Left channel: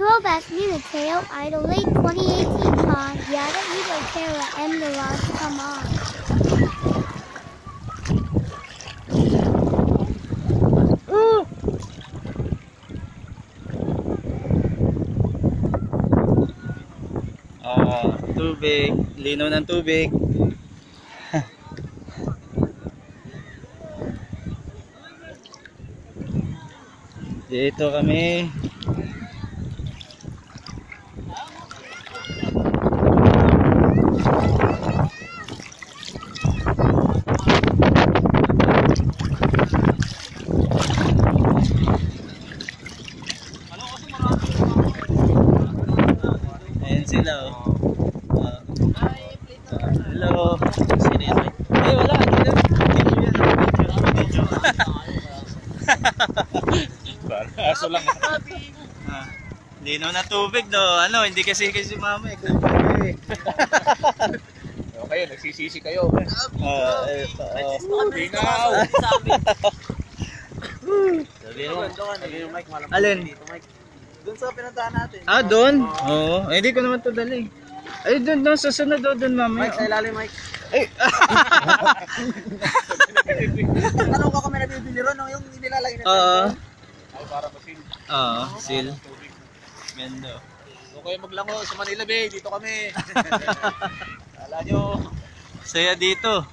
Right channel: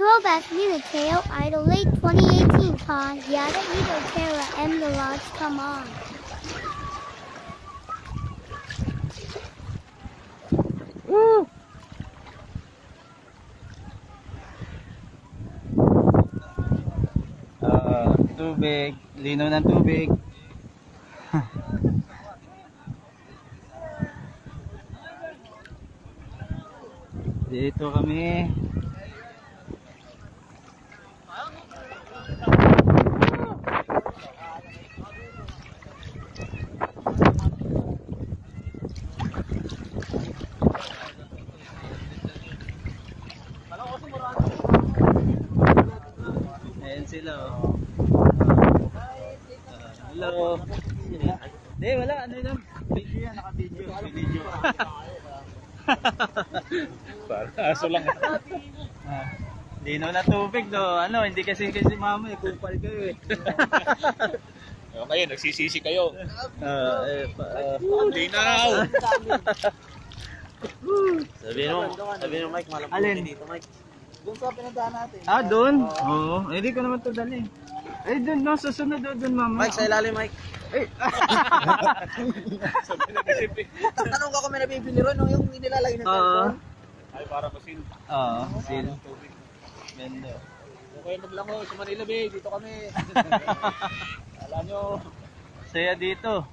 Throwback Unitail Idol Late 2018 Pond Yada Edo Terra M the Lodge Come On. Tubig, lino ng tubig. Dito kami. Ayan sila oh. Hello. Sino yan? Eh wala. Video yan. Video. Aso lang. Lino na tubig do. Ano, hindi kasi mama eh. Okay, nagsisisi kayo. Linaw. Sabi mo Mike, malam Alin? dito Mike. Doon sa pinuntahan natin. Ah, doon? Oo. Eh, hindi ko naman ito dali. Ay, doon, susunod doon, mama. Mike, sa ilalim Mike. Ay! Tanong ko kung may nabibili ron, yung inilalagay na Oo. Ay, para masin. Oo, seal. Mendo. Kung kayo maglango sa Manila Bay, dito kami. Kala nyo. Saya dito.